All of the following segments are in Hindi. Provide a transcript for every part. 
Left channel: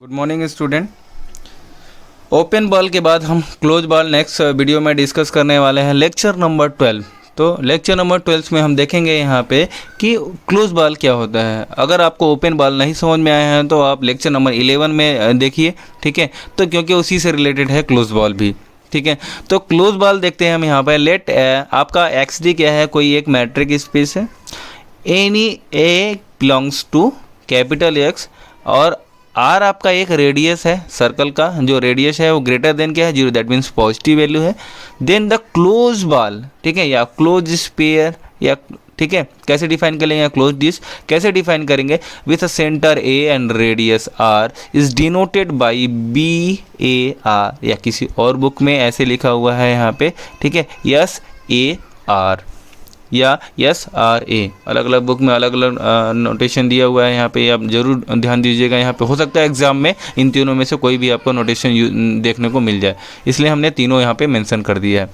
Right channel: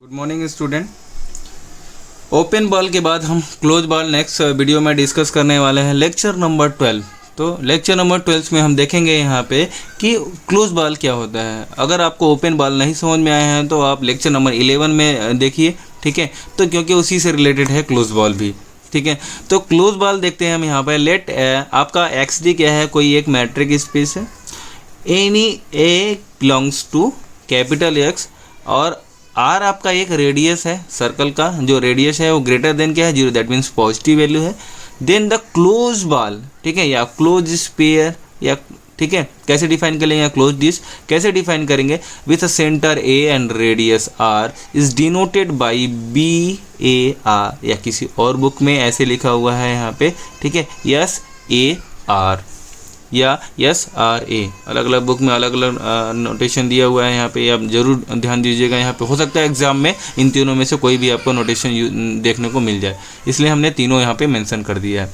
Good morning student. Open ball के बाद हम क्लोज बॉल नेक्स्ट वीडियो में डिस्कस करने वाले हैं, लेक्चर नंबर 12। तो लेक्चर नंबर 12 में हम देखेंगे यहाँ पे कि क्लोज बॉल क्या होता है। अगर आपको ओपन बॉल नहीं समझ में आया है तो आप लेक्चर नंबर 11 में देखिए, ठीक है। तो क्योंकि उसी से रिलेटेड है क्लोज बॉल भी, ठीक है। तो क्लोज बॉल देखते हैं हम यहाँ पे। लेट आपका एक्स डी क्या है, कोई एक मैट्रिक स्पेस है, any A belongs to capital X, और आर आपका एक रेडियस है सर्कल का, जो रेडियस है वो ग्रेटर देन क्या है, 0, दैट मीन्स पॉजिटिव वैल्यू है। देन द क्लोज बॉल, ठीक है, या क्लोज स्फीयर, या ठीक है, कैसे डिफाइन करेंगे, क्लोज डिस्क कैसे डिफाइन करेंगे, with a centre A and radius R is denoted by B A R, या किसी और बुक में ऐसे लिखा हुआ है यहाँ पे, ठीक है, यस ए आर या यस आर ए। अलग अलग बुक में अलग अलग नोटेशन दिया हुआ है यहाँ पे, आप जरूर ध्यान दीजिएगा। यहाँ पे हो सकता है एग्जाम में इन तीनों में से कोई भी आपको नोटेशन देखने को मिल जाए, इसलिए हमने तीनों यहाँ पे मेंशन कर दिया है।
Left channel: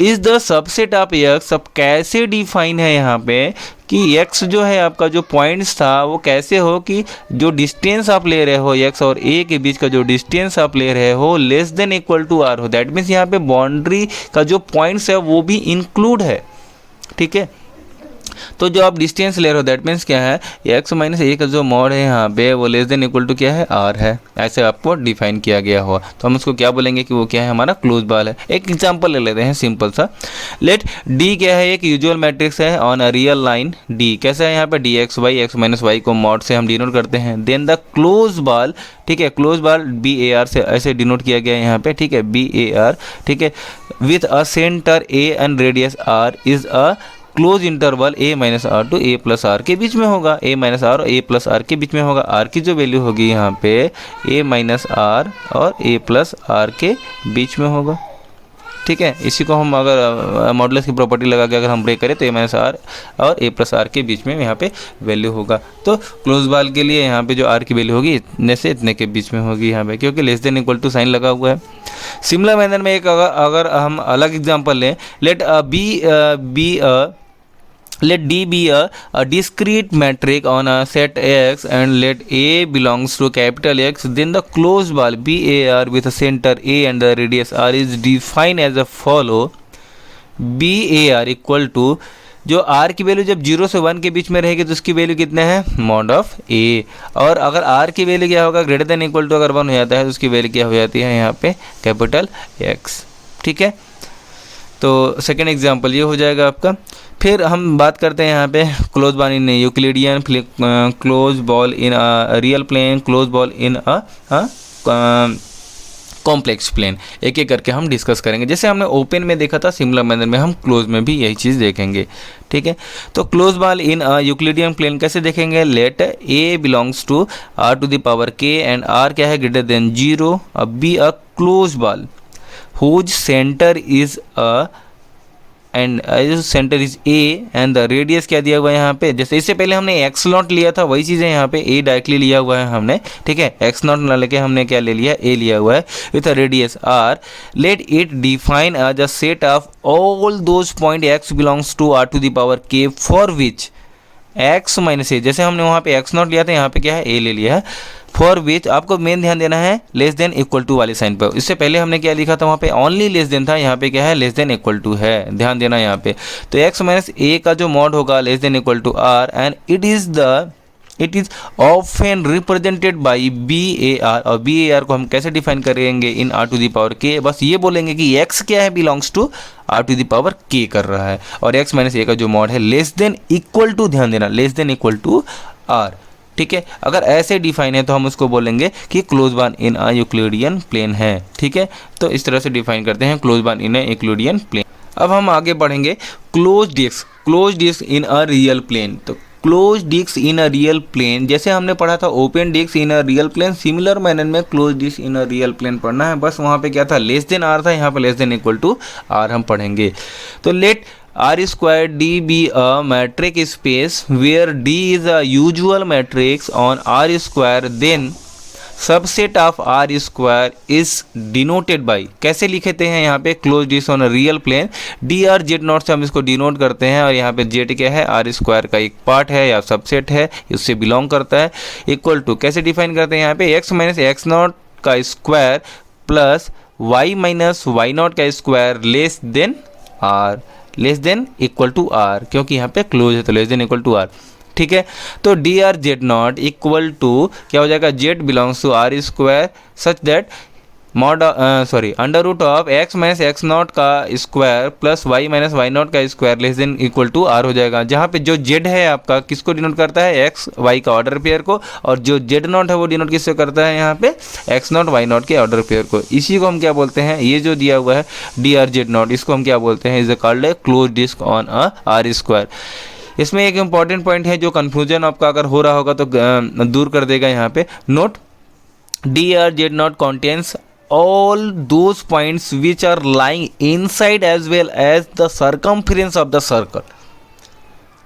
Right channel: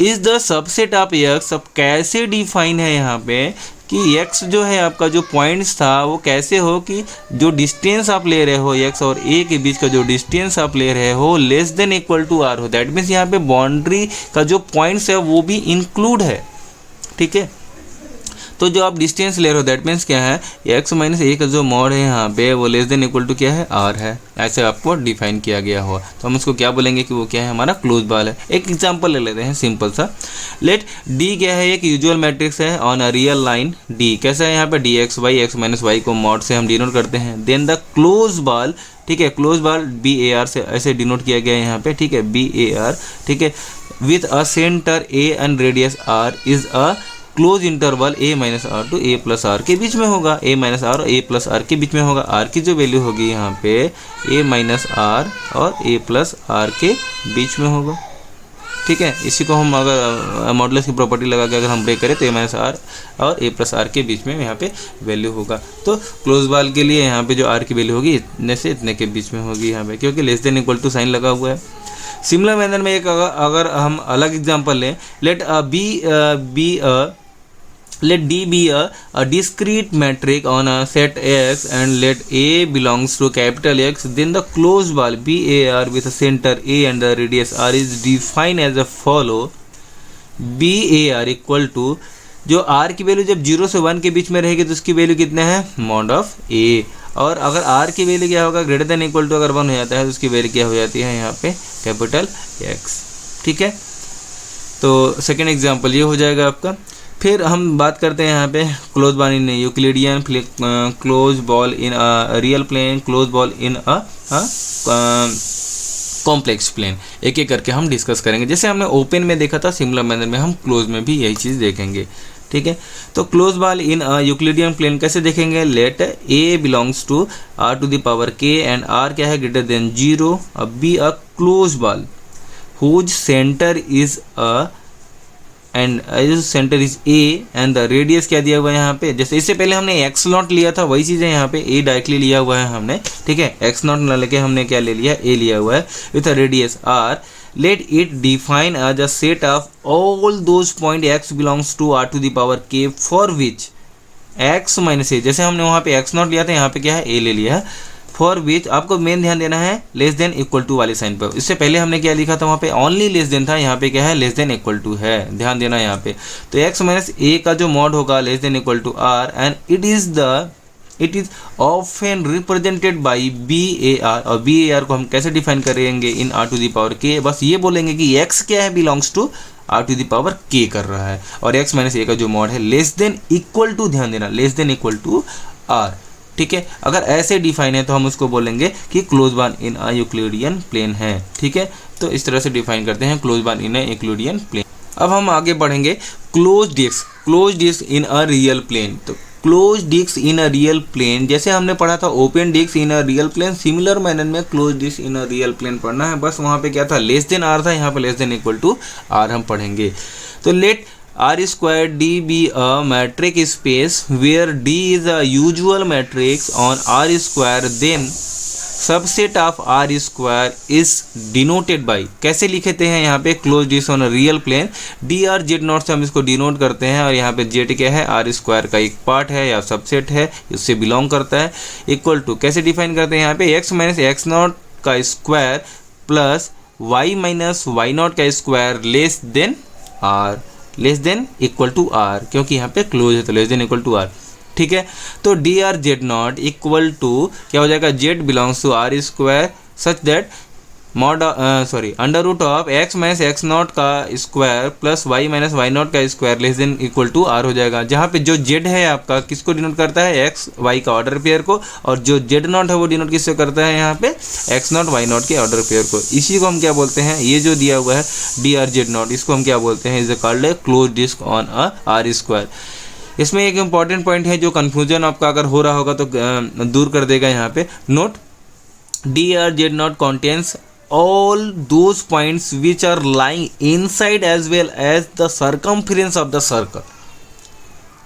Is the subset of x, अब कैसे डिफाइन है यहाँ पे कि एक्स जो है आपका जो पॉइंट्स था वो कैसे हो कि जो डिस्टेंस आप ले रहे हो एक्स और ए के बीच का जो डिस्टेंस आप ले रहे हो less than equal to R हो। दैट मीन्स यहाँ पे बाउंड्री का जो पॉइंट्स है वो भी इंक्लूड है, ठीक है। तो जो आप डिस्टेंस ले रहे हो दैट मीन्स क्या है, एक्स माइनस ए का जो मॉड है यहाँ पे वो लेस देन इक्वल टू क्या है, आर है। ऐसे आपको डिफाइन किया गया हो तो हम उसको क्या बोलेंगे कि वो क्या है, हमारा क्लोज बॉल है। एक एग्जांपल ले लेते हैं सिंपल सा। लेट डी क्या है, एक यूजुअल मैट्रिक्स है on a real line D. कैसा है यहाँ पे, D X Y, X minus Y को मॉड से हम डिनोट करते हैं। देन द क्लोज बॉल, ठीक है, close ball B A R से ऐसे डिनोट किया गया है यहाँ पे, ठीक है, बी ए आर, ठीक है, with a centre A and radius R is a close interval A minus R to A plus R के बीच में होगा। ए माइनस आर और ए प्लस आर के बीच में होगा। आर की जो वैल्यू होगी यहाँ पे ए माइनस आर और ए प्लस आर के बीच में होगा, ठीक है। इसी को हम अगर मॉडुलस की प्रॉपर्टी लगा के अगर हम ब्रेक करें तो ए माइनस आर और ए प्लस आर के बीच में यहाँ पे वैल्यू होगा। तो क्लोज बॉल के लिए यहाँ पे जो आर की वैल्यू होगी इतने से इतने के बीच में होगी यहाँ पे, क्योंकि less than equal to sign लगा हुआ है। सिमिलर मैनर में एक अगर हम अलग एग्जाम्पल लें, let D be a discrete matrix on a set X and let A belongs to capital X, then the closed ball BAR with a center A and the radius R is defined as a follow. BAR equal to, जो R की वैल्यू जब 0 से 1 के बीच में रहेगी तो उसकी वैल्यू कितना है, मॉड ऑफ A। और अगर R की वैल्यू क्या होगा, ग्रेटर देन इक्वल टू अगर 1 हो जाता है तो उसकी वैल्यू क्या हो जाती है यहाँ पे, कैपिटल X, ठीक है। तो सेकेंड एग्जाम्पल ये हो जाएगा आपका। फिर हम बात करते हैं यहाँ पे close ball in Euclidean, close ball in real plane, close ball in complex plane. एक एक करके हम डिस्कस करेंगे। जैसे हमने ओपन में देखा था, सिमिलर मैनर में हम क्लोज में भी यही चीज़ देखेंगे, ठीक है। तो close ball in Euclidean plane कैसे देखेंगे, let A belongs to R to the power K and R क्या है, greater than 0, B a close ball whose center is centre is A and the radius क्या दिया हुआ है यहाँ पे, जैसे इससे पहले हमने एक्स नॉट लिया था वही चीज़ है यहाँ पे, ए डायरेक्टली लिया हुआ है हमने, ठीक है। एक्स नॉट ना लेके हमने क्या ले लिया, ए लिया हुआ है with a radius R. Let it define as a set of all those point X belongs to R to the power K for which X minus A, जैसे हमने वहाँ पे एक्स नॉट लिया था यहाँ पे क्या है, ए ले लिया है। फॉर विच आपको मेन ध्यान देना है लेस देन इक्वल टू वाले साइन पर। इससे पहले हमने क्या लिखा था, वहाँ पे ओनली लेस देन था, यहाँ पे क्या है, लेस देन इक्वल टू है, ध्यान देना यहाँ पे। तो एक्स माइनस ए का जो मॉड होगा less than equal to R and it is often represented by B A R. और बी ए आर को हम कैसे डिफाइन करेंगे, in R to the power K. बस ये बोलेंगे कि एक्स क्या है, belongs to R to the power K कर रहा है, और एक्स माइनस ए का जो मॉड है लेस देन इक्वल टू, ध्यान देना, less than equal to are, ठीक है। अगर ऐसे डिफाइन है तो हम उसको बोलेंगे कि close ball in a Euclidean plane है, ठीक है। तो इस तरह से डिफाइन करते हैं close ball in a Euclidean plane. अब हम आगे बढ़ेंगे, close disc in a real plane. तो close disc in a real plane, जैसे हमने पढ़ा था open disc in a real plane, similar manner में close disc in a real plane पढ़ना है। बस वहाँ पे क्या था, लेस देन आर था, यहाँ पे less than equal to R हम पढ़ेंगे। तो let R square D be a metric space where D is a usual matrix on R square, then subset of R square is denoted by, कैसे लिखते हैं यहाँ पे, close disc on real plane, D are Z naught से हम इसको डिनोट करते हैं, और यहाँ पे जेड क्या है, आर स्क्वायर का एक पार्ट है या सबसेट है, उससे बिलोंग करता है, इक्वल टू कैसे डिफाइन करते हैं यहाँ पे, एक्स माइनस एक्स नॉट का square plus y minus y not का square less than r, less than equal to r, क्योंकि यहाँ पे क्लोज है तो less than equal to are. ठीक है, तो D are Z not equal to क्या हो जाएगा, z belongs to are square such that mod under root of x minus x not का square plus y minus y not का square less than equal to R हो जाएगा, जहाँ पे जो जेड है आपका किसको डिनोट करता है, एक्स वाई का ऑर्डर पेयर को, और जो जेड नॉट है वो डिनोट किससे करता है यहाँ पे, एक्स नॉट वाई नॉट के ऑर्डर पेयर को। इसी को हम क्या बोलते हैं, ये जो दिया हुआ है डी आर जेड नॉट, इसको हम क्या बोलते हैं, is called a close disc on a R square. इसमें एक इंपॉर्टेंट पॉइंट है जो कन्फ्यूजन आपका अगर हो रहा होगा तो दूर कर देगा यहाँ पे, note D R Z not contains all those points which are lying inside as well as the circumference of the circle।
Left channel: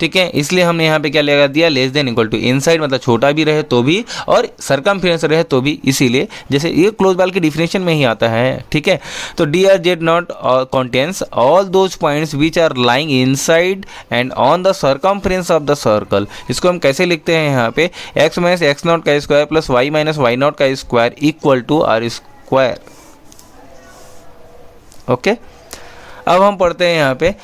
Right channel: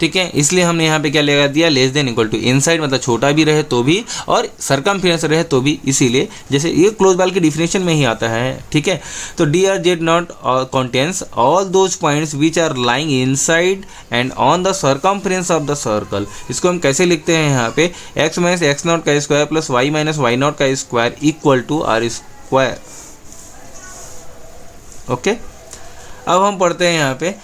ठीक है, इसलिए हमने यहाँ पे क्या लगा दिया, less than equal to, inside मतलब छोटा भी रहे तो भी और सरकमफेरेंस रहे तो भी, इसीलिए जैसे ये क्लोज बाल के डिफिनेशन में ही आता है। ठीक है, तो D are Z not contains all those points which are lying inside and on the circumference of the circle. इसको हम कैसे लिखते हैं यहाँ पे, एक्स माइनस एक्स नॉट का square plus y minus y not का square equal to are square. Okay, अब हम पढ़ते हैं यहाँ पे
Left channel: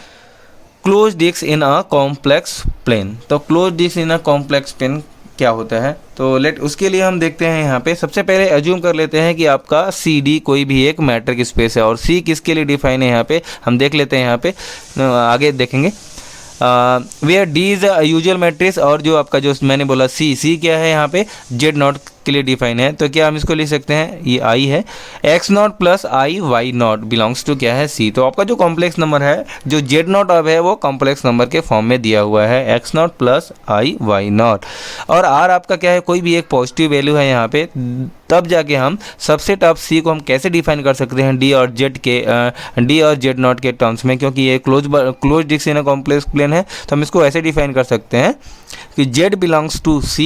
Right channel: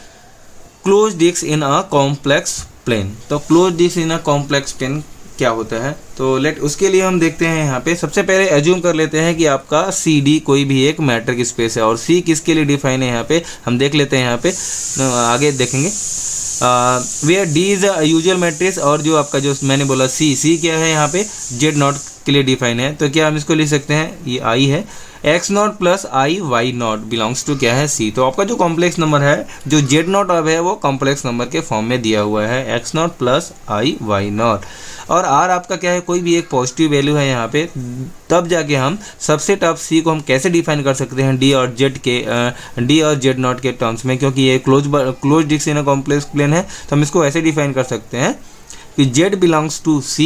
close disc in a complex plane. तो close disc in a complex plane क्या होता है, तो लेट उसके लिए हम देखते हैं यहाँ पे, सबसे पहले एज्यूम कर लेते हैं कि आपका सी डी कोई भी एक मैट्रिक स्पेस है, और सी किसके लिए डिफाइन है यहाँ पे हम देख लेते हैं, यहाँ पे आगे देखेंगे। Where D is usual matrix, और जो आपका जो मैंने बोला सी क्या है यहाँ पे, जेड नॉट के लिए डिफाइन है, तो क्या हम इसको लिख सकते हैं, ये आई है, X naught plus I Y naught belongs to क्या है, सी। तो आपका जो कॉम्प्लेक्स नंबर है, जो जेड नॉट अब है वो कॉम्प्लेक्स नंबर के फॉर्म में दिया हुआ है, एक्स नॉट प्लस आई वाई नॉट, और आर आपका क्या है, कोई भी एक पॉजिटिव वैल्यू है यहाँ पे, तब जाके हम सबसेट ऑफ सी को हम कैसे डिफाइन कर सकते हैं, डी और जेड नॉट के टर्म्स में, क्योंकि ये close disc in a complex plane है, तो हम इसको ऐसे डिफाइन कर सकते हैं कि z बिलोंग्स टू c,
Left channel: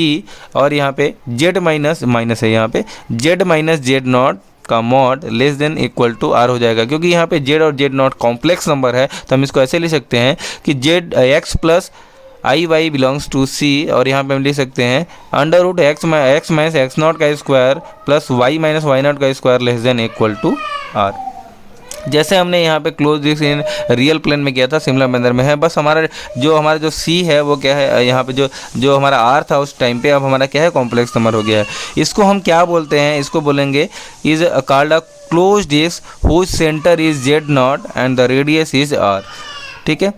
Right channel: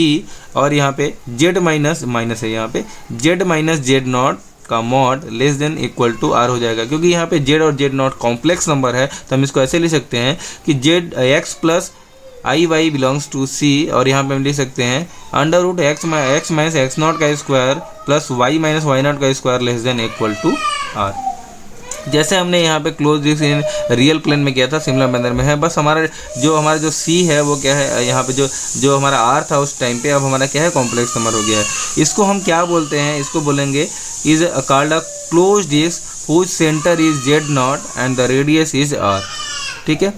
और यहाँ पे z माइनस है, यहाँ पे z माइनस जेड नॉट का mod less than equal to R हो जाएगा, क्योंकि यहाँ पे z और जेड नॉट कॉम्प्लेक्स नंबर है, तो हम इसको ऐसे लिख सकते हैं कि z x plus I y belongs to c, और यहाँ पे हम लिख सकते हैं under root x minus x not का square plus y minus y not का square less than equal to r. जैसे हमने यहाँ पे close disc in real plane में किया था, सिमिलर मैनर में है, बस हमारा जो सी है वो क्या है, यहाँ पे जो हमारा आर था उस टाइम पे, अब हमारा क्या है, कॉम्प्लेक्स नंबर हो गया है। इसको हम क्या बोलते हैं, इसको बोलेंगे is called a close disc whose centre is Z naught and the radius is R. ठीक है,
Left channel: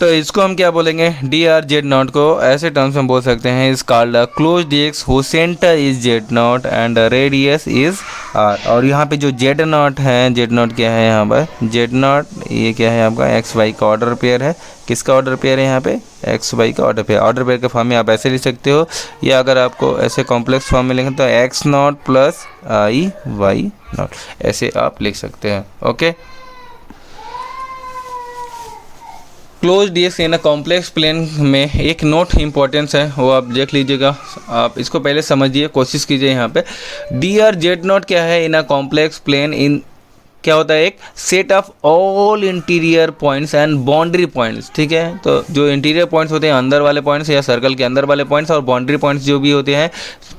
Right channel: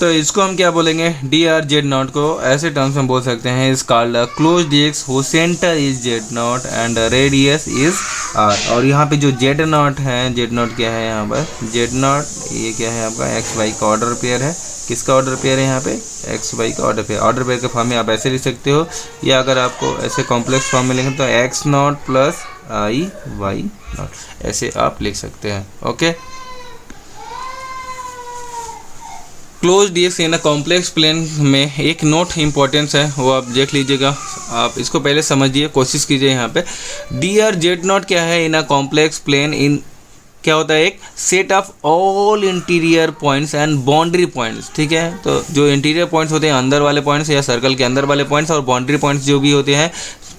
तो इसको हम क्या बोलेंगे, डी आर जेड नॉट को ऐसे टर्म्स में बोल सकते हैं, is called a close disc who centre is Z naught and radius is R. और यहाँ पे जो जेड नॉट है, जेड नॉट क्या है यहाँ पर, जेड नॉट ये क्या है आपका एक्स वाई का ऑर्डर पेयर है, किसका ऑर्डर पेयर है यहाँ पे, एक्स वाई का ऑर्डर पेयर के फॉर्म में आप ऐसे लिख सकते हो, या अगर आपको ऐसे कॉम्प्लेक्स फॉर्म में लिखें तो एक्स नॉट प्लस आई वाई नॉट, ऐसे आप लिख सकते हैं। Okay, close disc in a complex plane में एक नोट इम्पोर्टेंस है, वो आप देख लीजिएगा, आप इसको पहले समझिए, कोशिश कीजिए। यहाँ पे डी आर जेड नॉट क्या है इन अ कॉम्प्लेक्स प्लेन, इन क्या होता है, एक set of all interior points and boundary points. ठीक है, तो जो इंटीरियर पॉइंट्स होते हैं अंदर वाले पॉइंट्स या सर्कल के अंदर वाले पॉइंट्स, और बाउंड्री पॉइंट्स जो भी होते हैं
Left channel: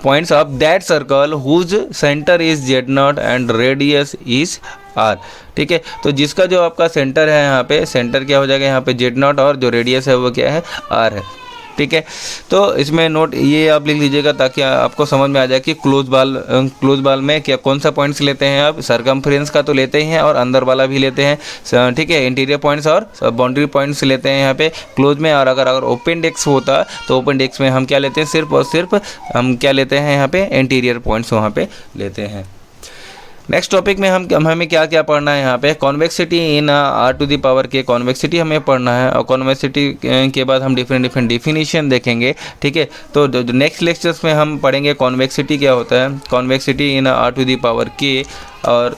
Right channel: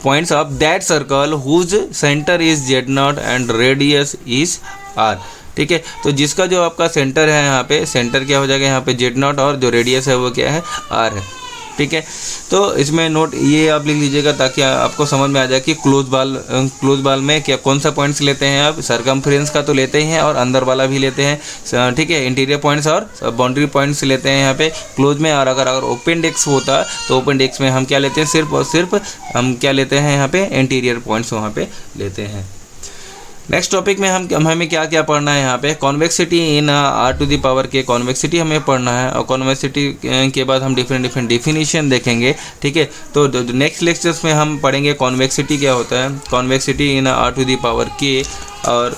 points of that circle whose centre is Z naught and radius is R. ठीक है, तो जिसका जो आपका सेंटर है यहाँ पे, सेंटर क्या हो जाएगा यहाँ पे जेड नॉट, और जो रेडियस है वो क्या है, आर है। ठीक है, तो इसमें नोट ये आप लिख लीजिएगा ताकि आपको समझ में आ जाए कि क्लोज बाल में क्या कौन सा पॉइंट्स लेते हैं आप, सरकमफ्रेंस का तो लेते ही हैं और अंदर वाला भी लेते हैं। ठीक है, इंटीरियर पॉइंट्स और बाउंड्री पॉइंट्स लेते हैं यहाँ पे क्लोज में। और अगर ओपन डेस्क होता तो ओपन डेस्क में हम क्या लेते हैं, सिर्फ और सिर्फ हम क्या लेते हैं यहाँ पे, इंटीरियर पॉइंट्स वहाँ पे लेते हैं। नेक्स्ट टॉपिक में हमें क्या क्या पढ़ना है यहाँ पे, convexity in R to the power K, convexity हमें पढ़ना है, और कॉन्वेक्सिटी के बाद हम डिफरेंट डेफिनेशन देखेंगे। ठीक है, तो नेक्स्ट लेक्चर्स में हम पढ़ेंगे कॉन्वेक्सिटी क्या होता है, convexity in R to the power K, और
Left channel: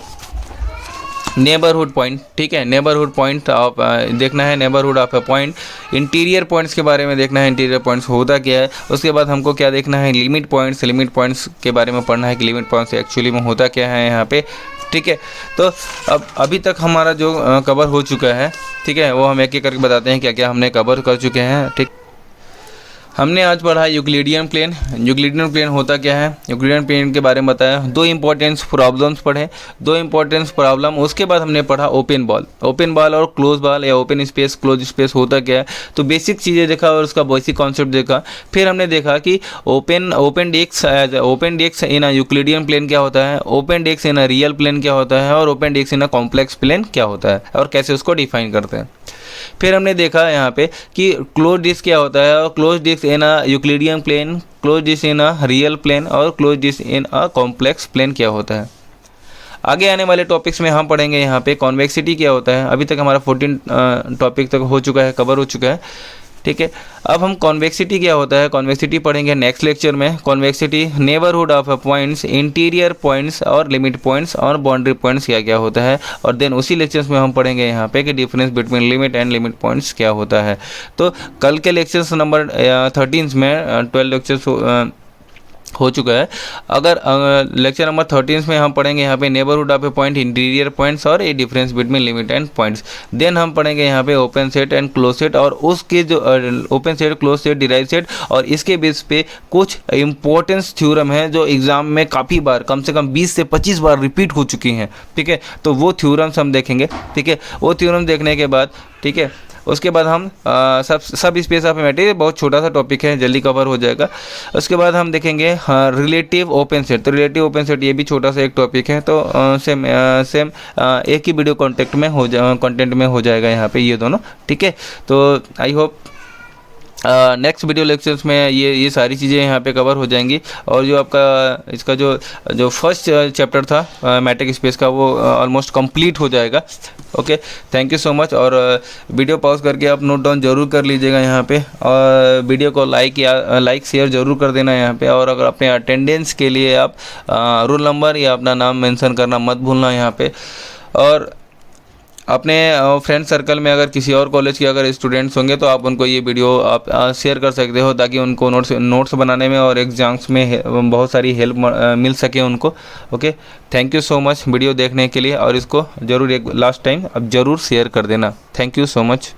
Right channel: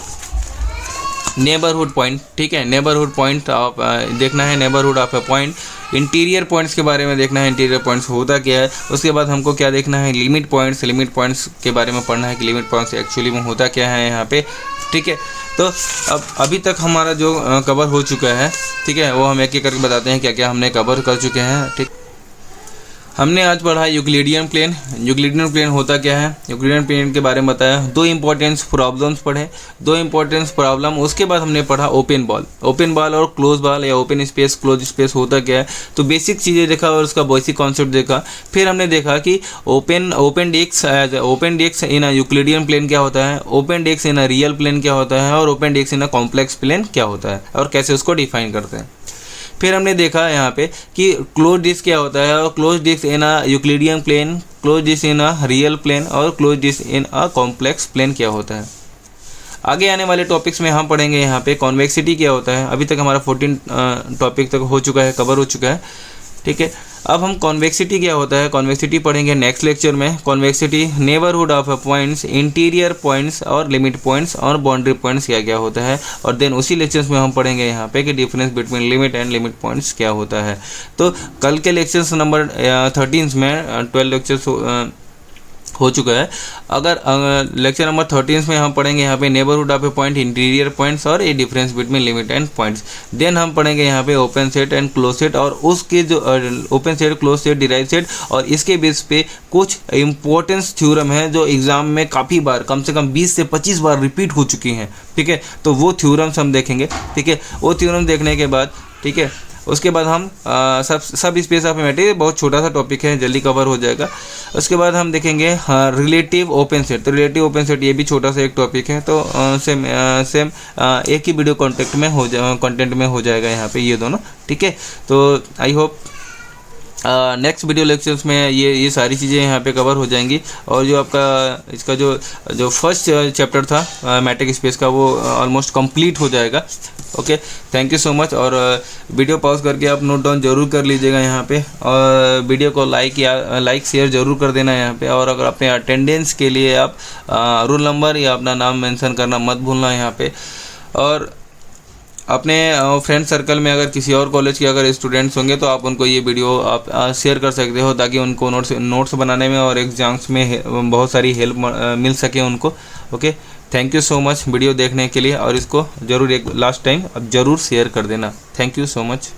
नेबरहुड पॉइंट। ठीक है, नेबरहुड पॉइंट ऑफ देखना है, neighbourhood of a point interior points के बारे में देखना है, इंटीरियर पॉइंट्स होता क्या है। उसके बाद हमको क्या देखना है, लिमिट पॉइंट्स के बारे में पढ़ना है कि लिमिट पॉइंट्स एक्चुअली में होता क्या है यहाँ पे, ठीक है। तो अब अभी तक हमारा जो कवर हो चुका है, ठीक है, वो हम एक एक करके बताते हैं क्या क्या हमने कवर कर चुके हैं, ठीक। हमने आज पढ़ा यूक्लिडियन प्लेन। यूक्लिडियन प्लेन होता क्या है, यूक्लिडियन प्लेन के बारे में बताया, दो इंपॉर्टेंट प्रॉब्लम्स पढ़े, दो इंपॉर्टेंट प्रॉब्लम। उसके बाद हमने पढ़ा ओपन बॉल और क्लोज बॉल या ओपन स्पेस क्लोज स्पेस होता क्या है, तो बेसिक चीज़ें देखा और उसका बेसिक कॉन्सेप्ट देखा। फिर हमने देखा कि open disc in a Euclidean plane क्या होता है, open disc in a real plane क्या होता है, और open disc in a complex plane क्या होता है और कैसे उसको डिफाइन करते हैं। फिर हमने देखा यहाँ पे कि क्लोज डिस्क क्या होता है, और close disc in a Euclidean plane, close disc in a real plane और close disc in a complex plane क्या होता है। आगे आने वाले टॉपिक्स में हम पढ़ेंगे यहाँ पे कॉन्वेक्सिटी क्या होता है। अभी तक हमारा 14 टॉपिक तक हो चुका है, कवर हो चुका है, ठीक है। अब हम कॉन्वेक्सिटी क्या होता है, कॉन्वेक्सिटी पढ़ेंगे नेक्स्ट लेक्चर में। Convexity neighbourhood of points, interior points और लिमिट पॉइंट्स और बाउंड्री पॉइंट्स क्या क्या होता है। और देन उसी लेक्चर्स में हम पढ़ेंगे यहाँ पे कि difference between limit and limit points क्या होता है। तो कल के लेक्चर्स नंबर 13 में 12 लेक्चर्स हो चुका है। अगर लेक्चर नंबर 13 में हम पढ़ेंगे यहाँ पे neighbourhood of a point, interior points और a difference between limit and points. Then हम पढ़ेंगे यहाँ पे open set and close set और उसके जो open set, close set, derive set, और इसके बेस पे कुछ इंपॉर्टेंस थ्योरम है जो एग्जाम में काफ़ी बार, कम से कम 20 से 25 बार रिपीट हो चुकी हैं, ठीक है। तो वो थ्योरम्स हम देखेंगे, ठीक है। वो थ्योरम देखने के बाद, ठीक है, उसके बाद हम सब स्पेस ऑफ मैटर, बहुत छोटा सा टॉपिक है, जल्दी कवर हो जाएगा। उसके बाद हम देखेंगे रिलेटिव ओपन सेट। तो रिलेटिव ओपन सेट ये भी छोटा सा एक टॉपिक है, तो सेम एक ही वीडियो कंटेंट में हो जाएगा यहाँ पे ये दोनों, ठीक है। तो I hope next video lectures में ये सारी चीज़ें यहाँ पे कवर हो जाएंगी। और जो आपका इसका जो फर्स्ट चैप्टर था मैट्रिक स्पेस का, वो ऑलमोस्ट कंप्लीट हो जाएगा। Okay, thank you so much. और वीडियो पॉज करके आप नोट डाउन जरूर कर लीजिएगा यहाँ पे, और वीडियो को लाइक शेयर जरूर कर देना यहाँ पे। और अगर अपने अटेंडेंस के लिए आप रोल नंबर या अपना नाम मेंशन करना मत भूलना यहाँ पे। और अपने फ्रेंड सर्कल में अगर किसी और कॉलेज के अगर स्टूडेंट्स होंगे तो आप उनको ये वीडियो आप शेयर कर सकते हो, ताकि उनको नोट्स बनाने में और एग्जाम्स में बहुत सारी हेल्प मिल सके उनको। Okay, thank you so much video देखने के लिए, और इसको ज़रूर एक लास्ट टाइम अब ज़रूर शेयर कर देना। Thank you so much.